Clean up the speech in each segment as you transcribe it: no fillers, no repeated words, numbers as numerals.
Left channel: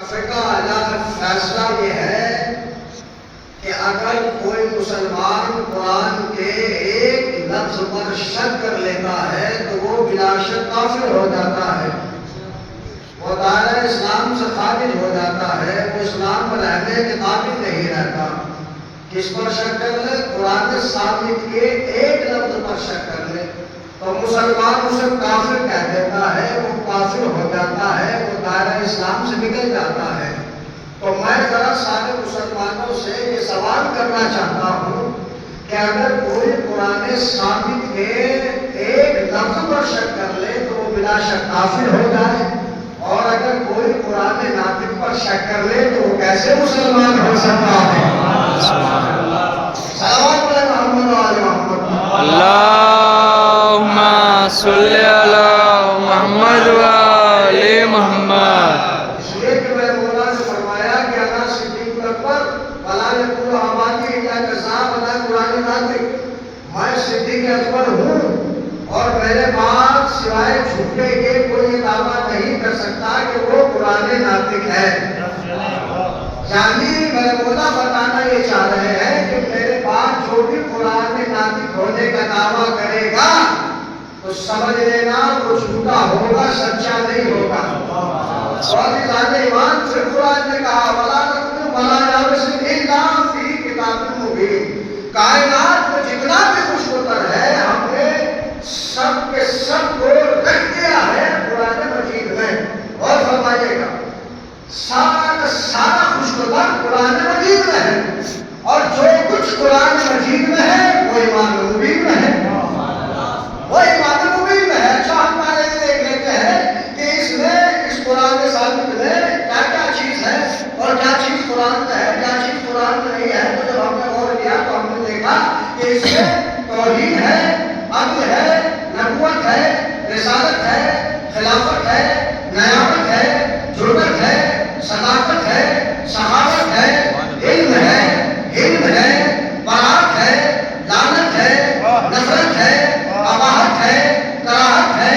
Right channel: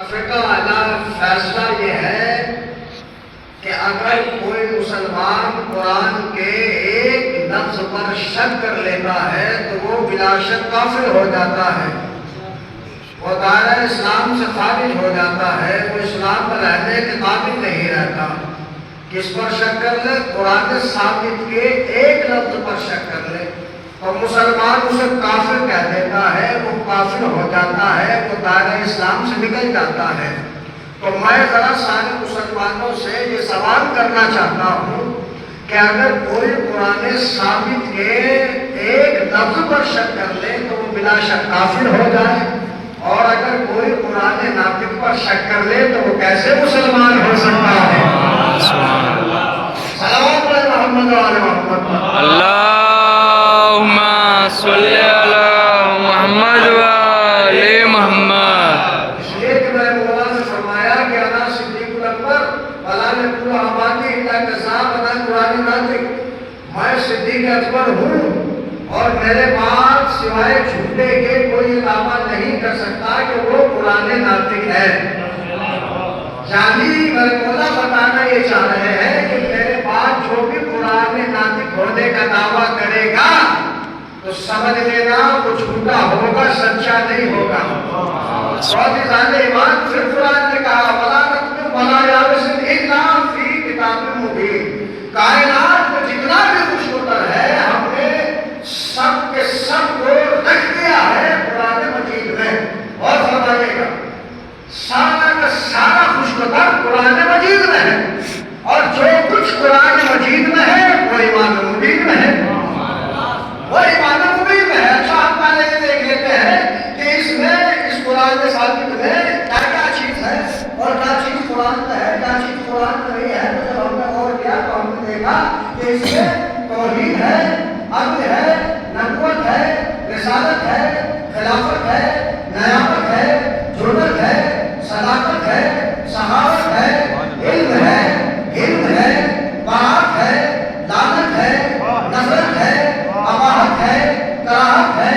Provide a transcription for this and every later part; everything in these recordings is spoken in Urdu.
کا فیصلہ یہ ہے کہ اگر کوئی مسلمان قرآن کے ایک لفظ پر شک کر لیتا ہے تو وہ بلا شک کافر ہو جاتا ہے، وہ دائرہ اسلام سے خارج ہو جاتا ہے، وہ اسلام میں رہنے کے قابل نہیں رہتا۔ کس پر شک کر لے؟ قرآن ثابت کے ایک لفظ پر شک کر لے تو مسلمان اسے کافر کہہ دیتا ہے، وہ کافر ہو جاتا ہے، وہ دائرہ اسلام سے نکل جاتا ہے۔ تو میں ذرا سارے مسلمانوں سے یہ سوال کرنا چاہتا ہوں کہ اگر کوئی قرآن ثابت کے ایک لفظ پر شک کر لے تو وہ بلا شک کافر ہو جائے، اور اگر کوئی قرآن ناطق پر شک کر لے تو وہ کیسے مسلمان ہو سکتا ہے؟ صلوات علی محمد و آل محمد۔ اللہم صلی علی محمد و آل محمد۔ اس لیے کہ میں مولا نے فرمایا کہ انا صدیق اکبر ولا نقول حوادی الا کذاب انا قرآن ناطق، میں صدیق اکبر ہوں اور میرے بعد سوائے جھوٹے کے کوئی دعویٰ نہیں کر سکتا کہ وہ قرآن ناطق ہے۔ یعنی میرے مولا بتانا یہ چاہ رہے ہیں کہ میرے بعد جو بھی قرآن ناطق ہونے کا دعویٰ کرے گا تو سمجھ لینا وہ جھوٹا ہوگا، سچا نہیں ہوگا۔ عزیزان ایمان پھر قرآن نے کہا وَلَا نَكْتُبُ وَلَا يَابِسٍ إِلَّا فِي كِتَابٍ مُبِينٍ، کائنات میں جتنا بھی خوش ہوتر ہے ہم نے سب کے سب کو رکھ دیا ہے قرآن مجید میں۔ اور فرمائیے گا سارا کا سارا خوش ہوتر قرآن مجید میں ہے، اور جو کچھ قرآن مجید میں ہے وہ ایمان مبین میں ہے، وہ ایمان مبین میں ہے۔ اچھا ہم پہلے یہ دیکھ لیتے ہیں کہ اس میں اس قرآن ثابت میں کیا کیا چیز ہے اور کیا چیز قرآن میں ہے، کیا چیز قرآن میں نہیں ہے۔ تو جب ہم نے غور کیا تو ہم نے دیکھا کہ اس میں توحید ہے، عدل ہے، نبوت ہے، رسالت ہے، خلافت ہے، نیابت ہے، ضرورت ہے، صداقت ہے، صحابت ہے، علم ہے، برات ہے، لعنت ہے، نفرت ہے، اباحت ہے، کراہت ہے،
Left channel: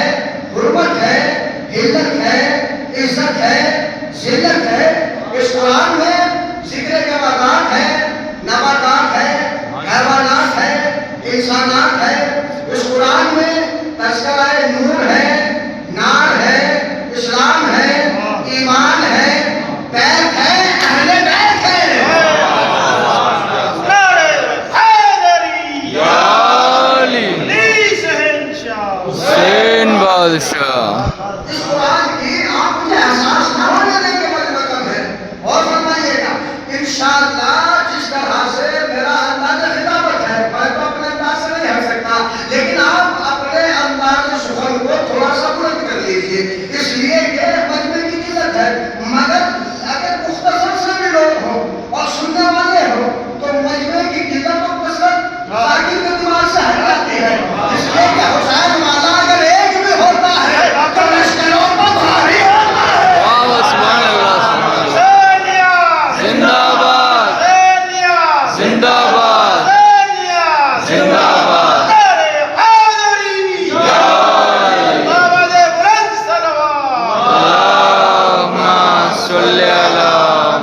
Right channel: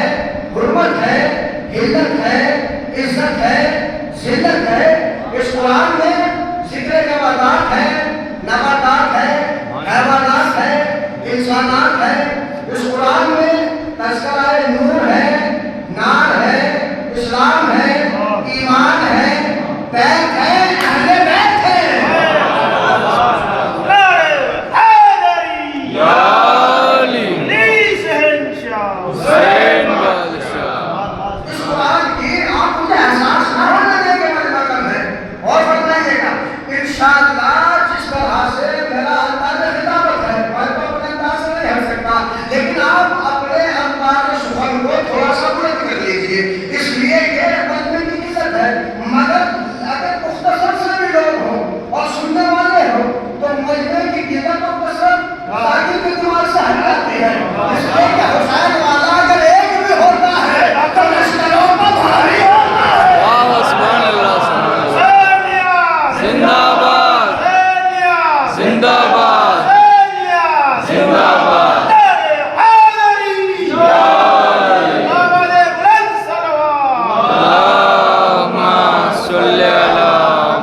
حرمت ہے، حلت ہے، عزت ہے، ذلت ہے۔ اس قرآن میں ذکر جمادات ہے، نباتات ہے، حیوانات ہے، انسانات ہے۔ اس قرآن میں تذکرہ نور ہے، نار ہے، اسلام ہے، ایمان ہے، بیت ہے، اہل بیت ہے۔ حسین بادشاہ۔ اس قرآن کی آپ مجھے احساس نہ ہونے دیں کہ میں رقم ہے۔ اور فرمائیے گا انشاءاللہ جس طرح سے میرا انداز خطابت ہے میں تو اپنے انداز سے نہیں ہٹ سکتا، لیکن آپ اپنے انداز سخن کو تھوڑا سا بلند کر لیجئے، اس لیے کہ مجمع کی قلت ہے، مگر اگر مختصر سے بھی لوگ ہوں اور سننے والے ہوں تو مجمع کی قلت اور کثرت ذاکر کے دماغ سے ہٹ جاتی ہے۔ اس لیے کہ حسین والا اگر ایک بھی ہوتا ہے تو لشکروں پر بھاری ہوتا ہے۔ واہ سبحان اللہ سبحان اللہ۔ زندہ باد زندہ باد زندہ باد۔ اللہم صلی علی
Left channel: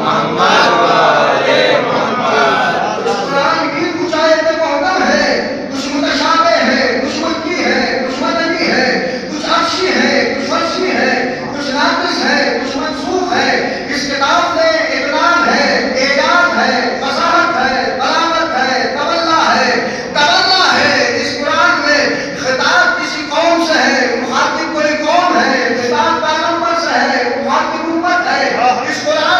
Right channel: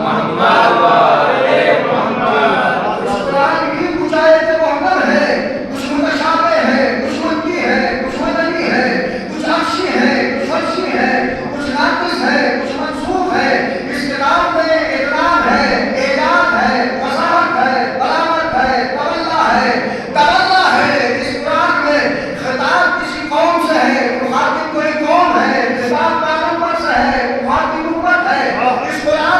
محمد و آل محمد۔ اس قرآن کی کچھ آیتیں محکم ہے، کچھ متشابہ ہے، کچھ مکی ہے، کچھ مدنی ہے، کچھ عرشی ہے، کچھ فرشی ہے، کچھ ناقص ہے، کچھ منسوخ ہے۔ اس کتاب میں اطلال ہے، اعجاز ہے، وضاحت ہے، بلاغت ہے، تبلا ہے، تبلا ہے۔ اس قرآن میں خطاب کسی قوم سے ہے، مخاطب کوئی قوم ہے، خطاب پیغمبر سے ہے، مخاطب امت ہے۔ اس قرآن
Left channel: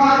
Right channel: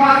5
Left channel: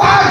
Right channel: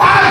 5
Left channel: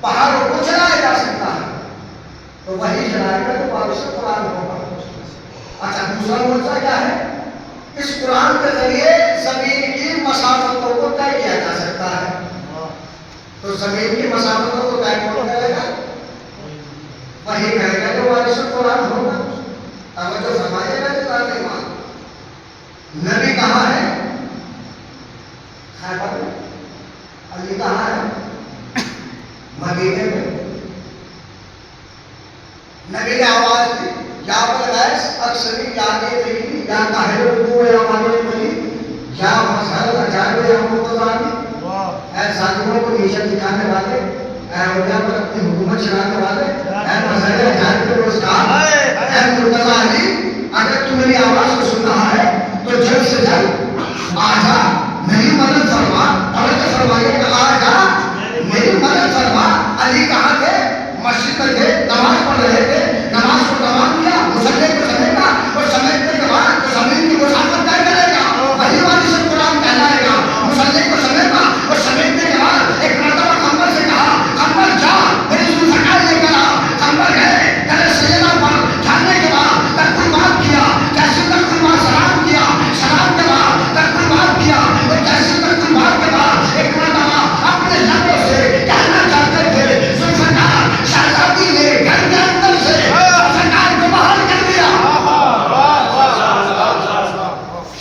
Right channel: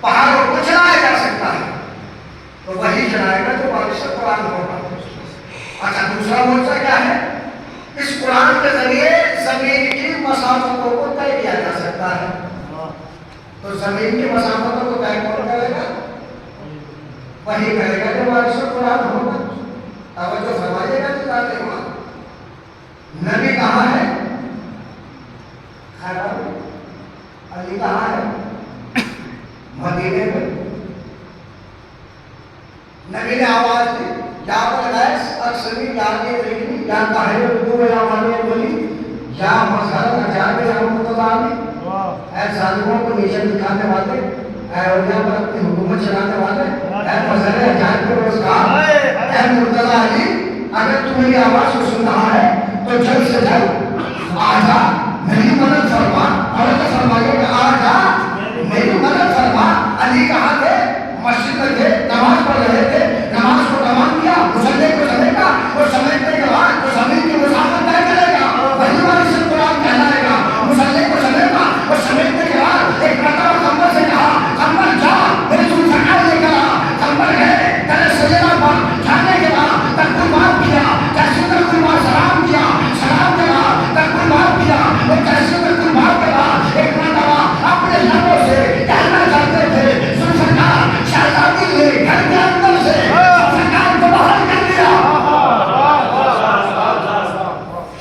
پہاڑوں کو چلایا جا سکتا ہے تو وہی چلائے گا جو بارش سے قرآن ہوگا. اچھا دوسرا معجزہ کیا ہے؟ اس قرآن کے ذریعے زمین کی مسافتوں کو طے کیا جا سکتا ہے. تو زمین کی مسافتوں کو طے کون کرے گا؟ وہی کرے گا جو بارش سے قرآن ہوگا. توجہ فرمائیے گا جو ایمان. نبی کہاں ہے؟ خیبر میں. علی کہاں ہے؟ مدینے میں. نبی نے آواز دی یا بلغیس اکثری یا کے رہی یا کاہر رکو یا مانے رہی یا مظہر اجابے یا مقتضانی. اے ظالموں کو نیچے دکھانے والے، اے اولیاء پر اپنی حکومت چلانے والے، اے مظہر اجابے کے روزگار، اے مرتضی علی، اگر تو میری آواز کو سن رہا ہے تو جلد سے جلد آ جا میری مدد فرما. توجہ فرمائیے کہ آ جا میری مدد فرما. علی کہاں تھے؟ مسجد میں تھے، نماز پڑھ رہے تھے. نماز کو تمام کیا، مصلی کو سمیٹا اور سمیٹنے کے بعد جو زمین کی مسافت طے کرے گا وہی وارث قرآن کہلائے گا. مصلی کو سمیٹا اور سمیٹنے کے بعد ایک مرتبہ قمر سے کہا قمر جا میری ذوالفقار لے کر آ. قمر گئے تیرے سیدہ پر جانے کے بعد تک بات کیا کیسے تک بات سلام کیا. سلام کے بعد تک بات کیا اور کیسے تک بات کے بعد ایک مرتبہ اپنے لبوں سے کہنا چاہتے تھے ذوالفقار شہزادی نے گھر کے اندر سے ذوالفقار کو باہر کر دیا.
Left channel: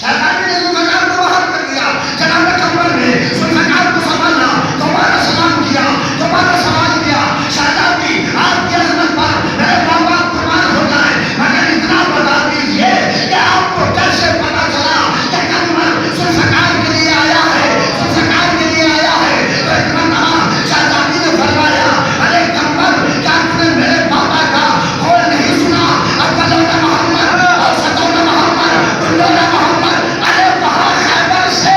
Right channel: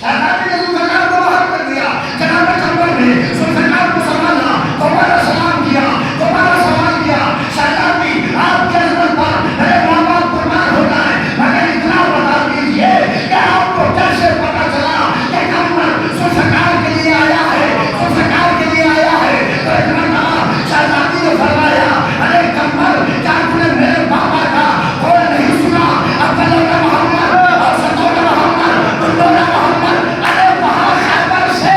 شہزادی نے ذوالفقار کو باہر کر دیا. جناب قمر نے ذوالفقار کو سنبھالا، دوبارہ سلام کیا، دوبارہ سوال کیا. شہزادی آپ کی عظمت پر میرے ماں باپ قربان ہو جائیں مگر اتنا بتا دیجیے کہ آپ کو کیسے پتا چلا کہ قمر ذوالفقار کے لیے آیا ہے، ذوالفقار کے لیے آیا ہے. تو اتنا بڑا شہزادی نے فرمایا ارے قمر کیا تم نے میرے بابا کا قول نہیں سنا؟ اولون محمد اور ستون محمد کلون محمد. ارے وہاں خیبر سے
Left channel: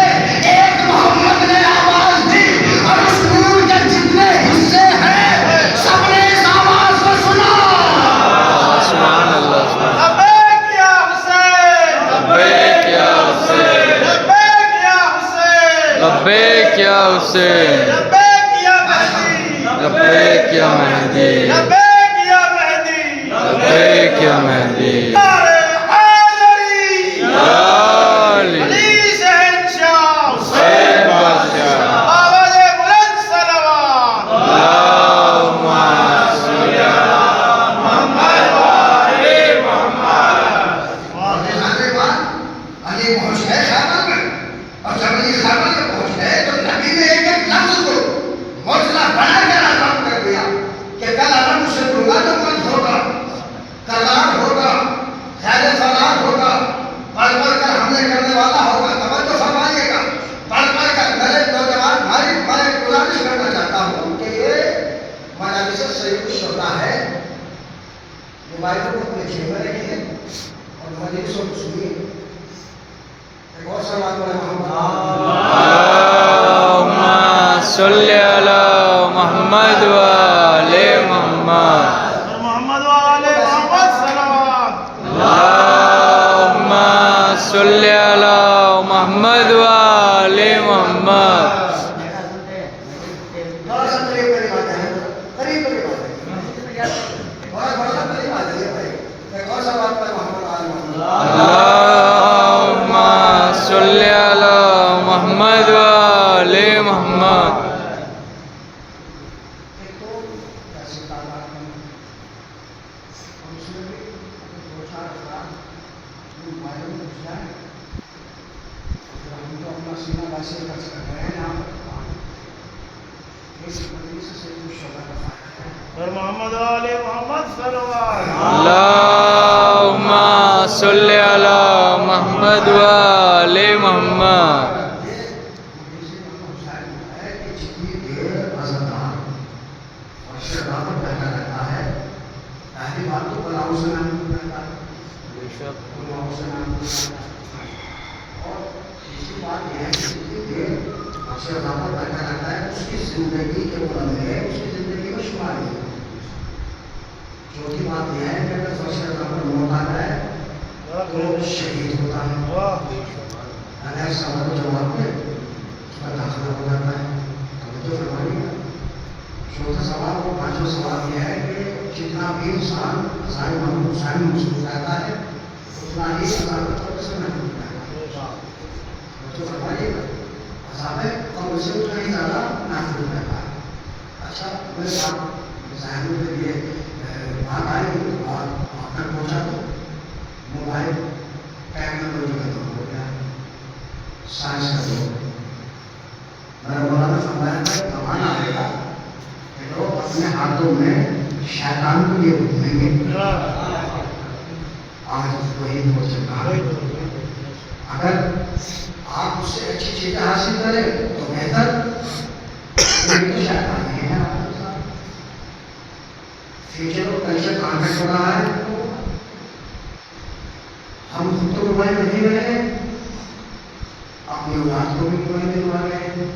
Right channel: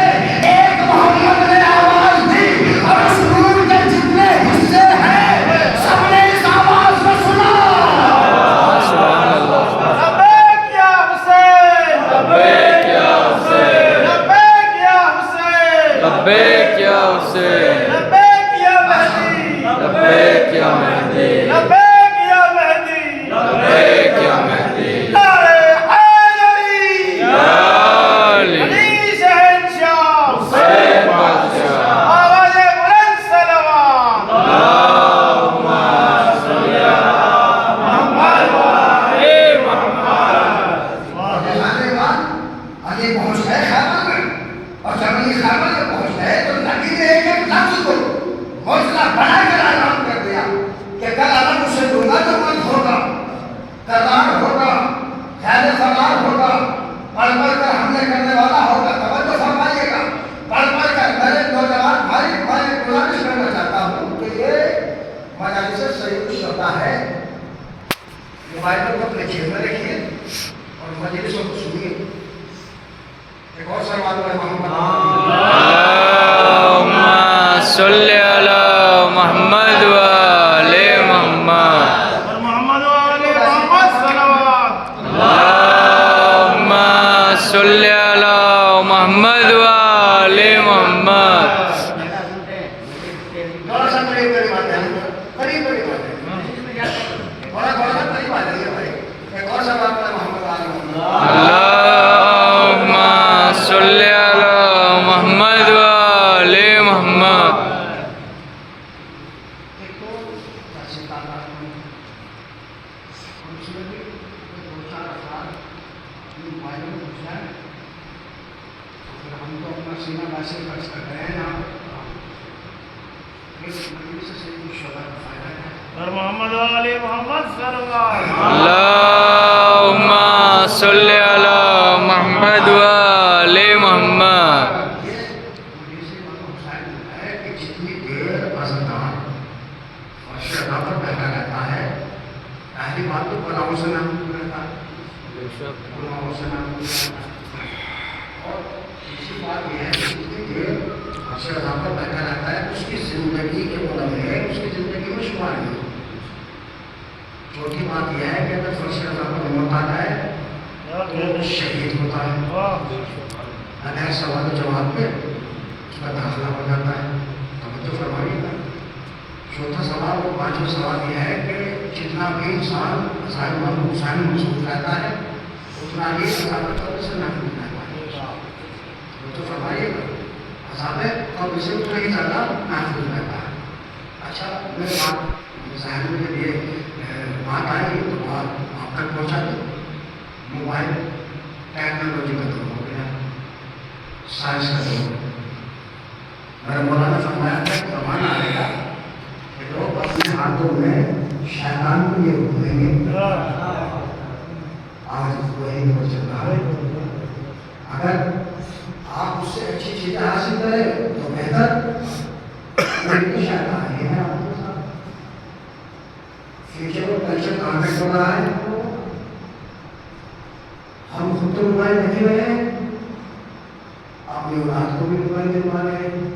ایک محمد نے آواز دی اور اس نور کے جتنے حصے ہیں سب نے اس آواز کو سنا. سبحان اللہ. لبیک یا حسین، لبیک یا حسین، لبیک یا حسین، لبیک یا حسین، لبیک یا مہدی، لبیک یا مہدی، لبیک یا مہدی. لبیک یا مہدی. نعرہ حیدری، یا علی، علی شہنشاہ، حسین بادشاہ. آواز بلند صلوات. اللہم صلی علی محمد و آل محمد. علی پہنچ گئے خیبر میں اور جب علی خیبر میں پہنچ گئے تو نبی نے ایک ایک لفظ کو معجزہ بنا کر اعلان کر دیا کہ کل اگر مجھ سے دوں گا تو ملک ہوگا، کرار ہوگا، خیر فرار ہوگا، پڑھ پڑھ کر حملے کرنے والا ہوگا. توجہ فرمائیے گا. پڑھ پڑھ کر میرے نوجوان بھائی میں گزارش کرنا چاہتا ہوں کہ یہ مجالس سید الشہداء ہے. موبائلوں کو اپنے جیب میں رکھیے اور مجلسوں کو سنیے. ایک اور سوال ہے محمد اللہم صلی علی محمد و آل محمد. محمد و آل محمد صلوات. اللہم صلی علی محمد و آل محمد. تھوڑا سا قریب قریب آتے ہیں، قریب قریب آتے ہیں، تھوڑا سا قریب آ جائیے بھائی. ایک اور سوال ہے محمد علی محمد. اللہم صلی علی محمد و آل محمد. ایک تو جیسے تعداد میں اور اس میں بھی دو چار افراد اپنے موبائلوں میں گھس جائیں تو پھر ہم تو اپنا سینہ ویسے ہی خرچ کر رہے ہیں نا. ایک مجلس سے سید الشہداء کا فائدہ ہے. اور محمد و آل محمد صلوات. اللہم صلی علی محمد و آل محمد. یہ مجلس امام حسین میں ہے کہ جتنی دیر اذان اور شہداء پر بیٹھا رہتا ہے پہلی بات تو بلاؤں سے نام رہتا ہے، بلاؤں سے نام رہتا ہے. اور تیسری بات یہ ہے کہ جتنی دیر شہداء پر بیٹھا رہتا ہے اس کی زندگی کے بارے میں اس کی زندگی میں شمار نہیں. چوتھی بات یہ ہے کہ اگر فرشتہ شہداء پر موت آ جائے تو شہید ہوتا ہے. اگر سوال کے جواب میں اس کا داخلہ ہو جاتا ہے. توجہ فرمائیے گا. چوتھا سوال آج جو سوال یہ ہے کہ جتنا بھی انسان حسین مصروف رہتا ہے اتنا ہی عذاب قبر سے محفوظ رہتا ہے. تو فرمائیے عذاب قبر سے اتنا ہی زیادہ محفوظ رہتا ہے. اچھا میرے آپ ذہن کے لیے بات آئی تو آپ تک پہنچا دو. موبائل ٹیکنالوجی کا دور ہو گیا, سائنس کا دور. میرا مولانا فرمایا تھا کہ زمانہ آئے گا کہ لوگ اپنے ہاتھوں میں شیطان کو یہ گھومیں گے. آج وہی ہو چکا ہے. اگر آپ اس سے اچھی چیزیں حاصل کریں تو بہتر, لیکن شیطان یہ ہے آپ کے ساتھ. فیوچر اور کلچر کہاں تک ہو رہا ہے, ہم خود تو موبائل نہیں رہے, اپنی اولاد کو بھی موبائل دلوا رہے ہیں.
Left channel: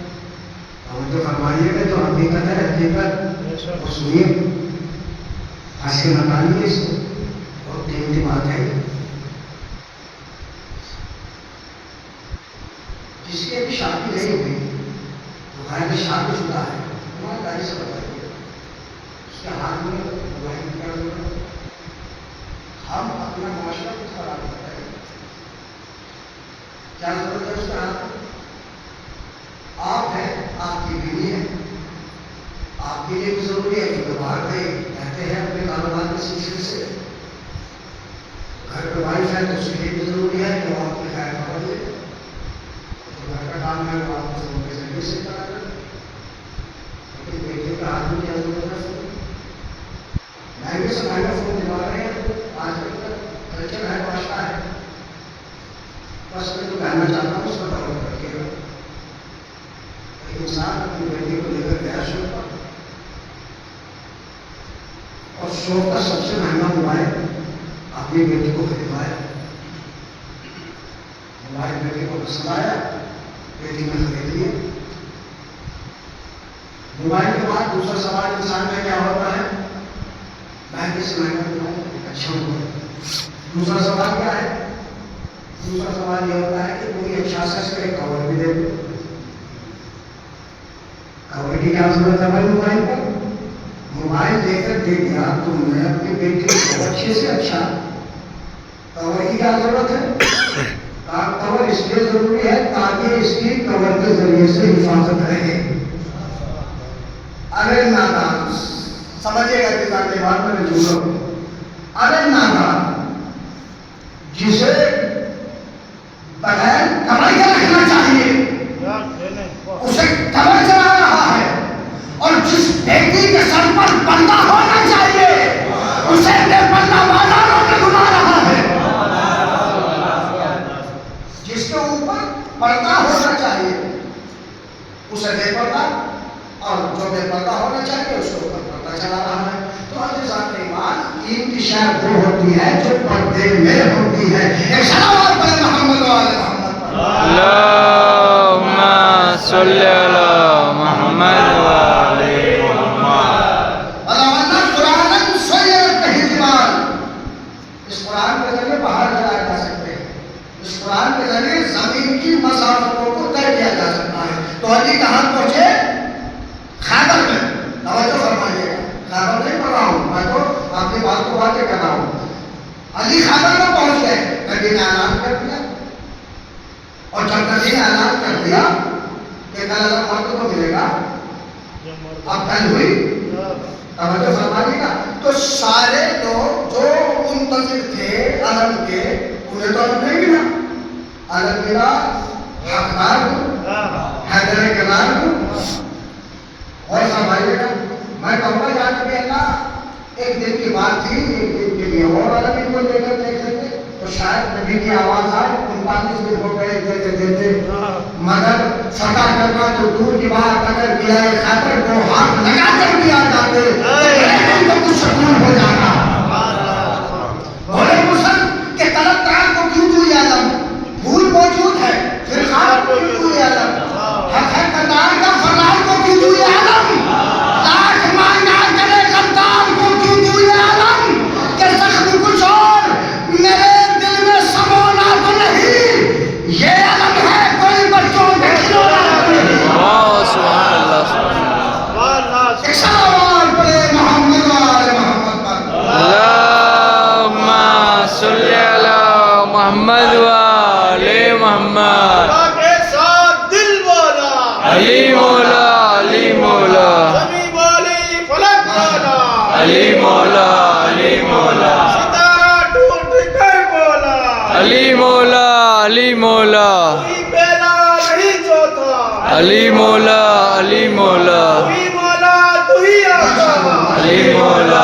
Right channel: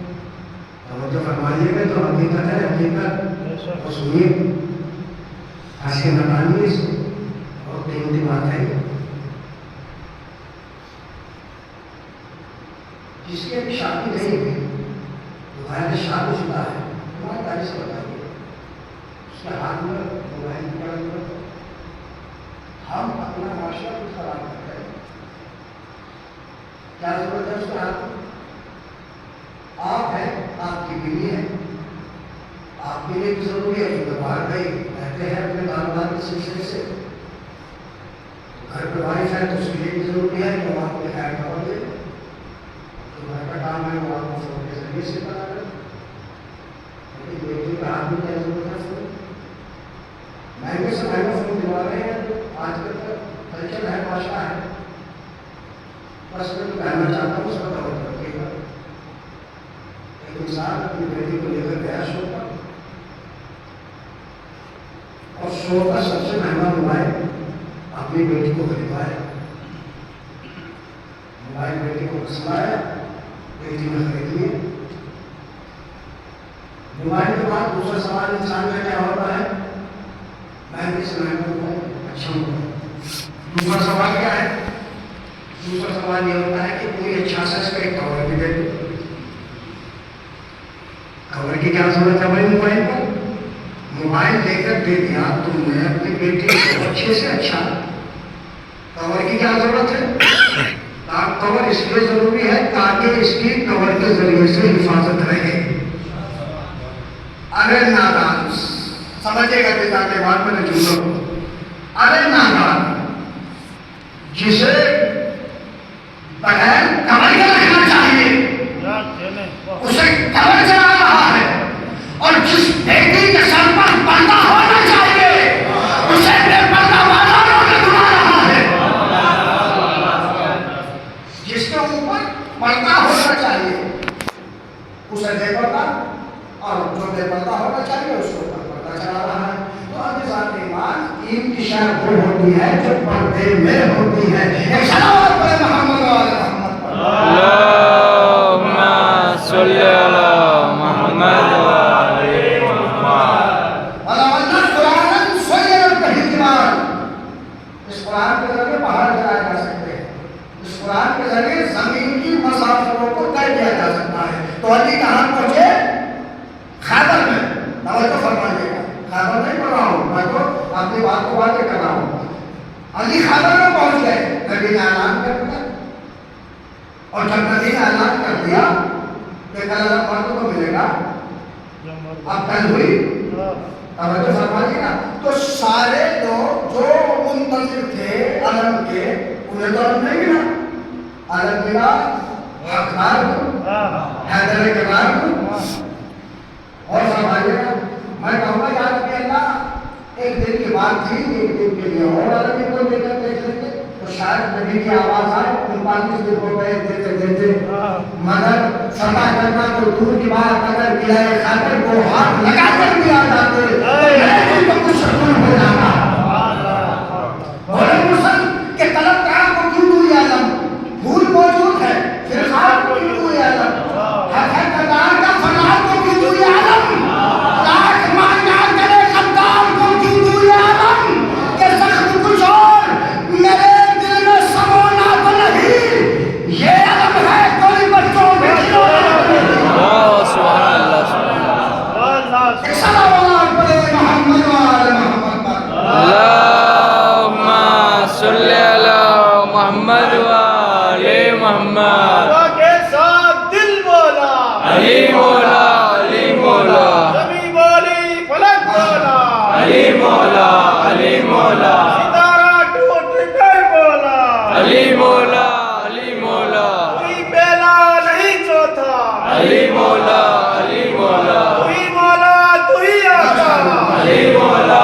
اور جو فرمائیے گا تو حقیقت ہے, حقیقت سنیے, ہنسی نکالیے اس کو. اور قیمتی بات ہے جس کی ابھی شادی نہیں ہوئی, تو غیر شادی شدہ ہے, ایمانداری سے بتائیے اس کے ہاتھ میں موبائل کی کیا ضرورت ہے. ہم اپنا معاشرہ کچھ خراب کرتے ہیں, کیا ضرورت ہے اس کے ہاتھ میں. آپ ہیں, آپ کی بیوی ہے, آپ کے لیے بھی ضروری ہے کہ باہر گئے رہتے ہیں اپنے کاروبار کے سلسلے سے, گھر پہ وائف ہے تو اس کے لیے بھی ضروری ہے کہ وہ آپ کو خیر خبر دے. تو گھر کا کام ہے وہ آپ کو فون کے ذریعے سے کرا رہے. لیکن بیٹے کا ہاتھ میں کیا ضرورت ہے فون, مہنگے سے مہنگا فون دلا رہے ہیں. آج کل کلچر ہے, معاشرہ ہے. بس میں جو کہنا چاہتا ہوں اس کا غور رکھیے گا. ایک انسان اپنی بیٹی کو لے کر گیا شو پر, اور شو کا سب سے مہنگا موبائل اپنی بیٹی کو خریدوایا. موبائل بیٹی کو پسند آیا, بیٹی نے خرید لیا. موبائل کے بعد دوسرا سوال انسان کا کیا ہوتا ہے, مہنگے سے مہنگا موبائل, اچھا موبائل. دوسرا سوال کیا ہے, دوسرا سوال یہ ہوتا ہے کہ کوئی اچھا سا اس کو ایک کور بھی دے دو. کور کی کیا ضرورت ہے بھائی موبائل پر. موبائل لے کر دے دیا تم نے اپنی بیٹی کو اچھے سے اچھا, کور کی کیا ضرورت ہے. کور اس لیے ضروری ہے تاکہ اس کی کور کے ذریعے سے حفاظت رہے. اگر نادان سمجھے گا کہ کے بعد میں رجوع کو, اگر نادان جسے بغیر کمر کے رکھنا چاہیے اسے کمر چلا رہا ہے, اور جس بیٹی کے سر پر پردہ ہونا چاہیے اسے بے پردہ بازاروں میں گھما رہا ہے. جس کے اوپر پردہ ہونا چاہیے اسے بے پردہ, اور جو بے پردہ ہونا چاہیے اس کے اوپر پردہ چلا رہا ہے. تو عزیزان ایمان, قیمتی شے وہ ہوتی ہے جو پردے میں ہوتی ہے. ایک صلوات پڑھیں محمد و آل محمد پر. اللہم صلی علی محمد و آل محمد. ولو قرآن سیرت کہیمان, اس قرآن کے ذریعے پہاڑ چلائے جا سکتے ہیں, اس قرآن کے ذریعے زمین کی مسافتوں کو طے کیا جا سکتا ہے. تو علی کہاں پہنچے, خیبر میں. توجہ فرمائیے گا, خیبر نہیں پڑھ رہا ہوں میں, تو اپنی بات کو باتیں کر رہا ہوں. علی خیبر میں پہنچ گئے, نبی نے اعلان کر دیا, اور جب نبی نے اعلان کر دیا کہ کل اللہ مرد کو ملے گا, اب کل ہوئی, توجہ فرمائیے گا, تو سارے لوگ جو منتظر تھے علم کے انہیں تو علم نہیں ملا. علم ملا حقدار کو, حیدر کرار کو. اور فرمائیے گا, میں کہوں گا یاد کہ اللہ ایک دن کی بات تھی, ایک دن کے لیے اور عالمی کو لے کر دیکھ لیتے تو شاید نبی کی آواز آئے 39 دن ہو گئے دیتے دیتے, مگر فتح کرنا تو دور کی بات, اگر قلعہ خیبر کو ہاتھ لگا کر بھی آ جاتے تو میرے دل کو کچھ سکون ہو جانا. بولے مسلم کہ طلبگار کو کیوں دوئی عالم, پھول موجود ہے پھر خواب کو کیوں دوئی عالم, حقیقتدار کا فلال کو کیوں دوئی عالم, لاکھ مانگا کرے غدار کو کیوں دوئی عالم, کہ زخم کچھ اور میرے دل میں سمونا تو نہیں, یہ علم ہے کوئی بچوں کے کھلونا. واہ سبحان اللہ, سبحان اللہ. صلوات پڑھے محمد علی مولا علی مولا سبھی بولے فلک بولا علی مولا علی مولا ستارہ ٹوٹ کر بولا علی مولا علی مولا کوئی پہلا نہیں چوتھا علی مولا علی مولا کوئی مولا تو ہی آقا علی مولا